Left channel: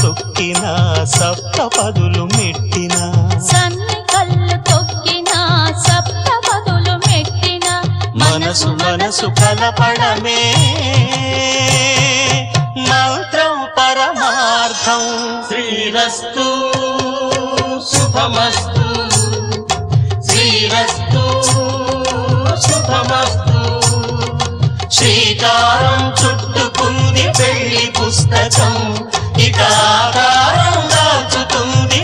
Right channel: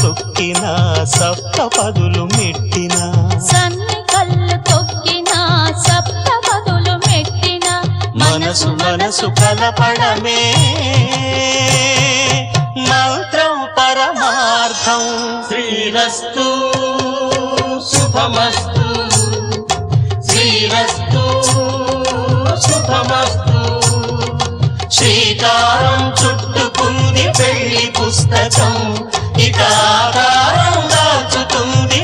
తొక్కిన సప్తపదులు మెట్టిన సన్ని కళ్ళు తొక్కిన సప్తపదులు మెట్టిన మనసు మనసు కలపడమే మంత్రం పరమార్థం. శ్రీరస్తు శుభమస్తు, శ్రీరస్తు శుభమస్తు. శ్రీకారం చుట్టుకుంది పెళ్లి పుస్తకం, ఇక ఆకారం దాచుతుంది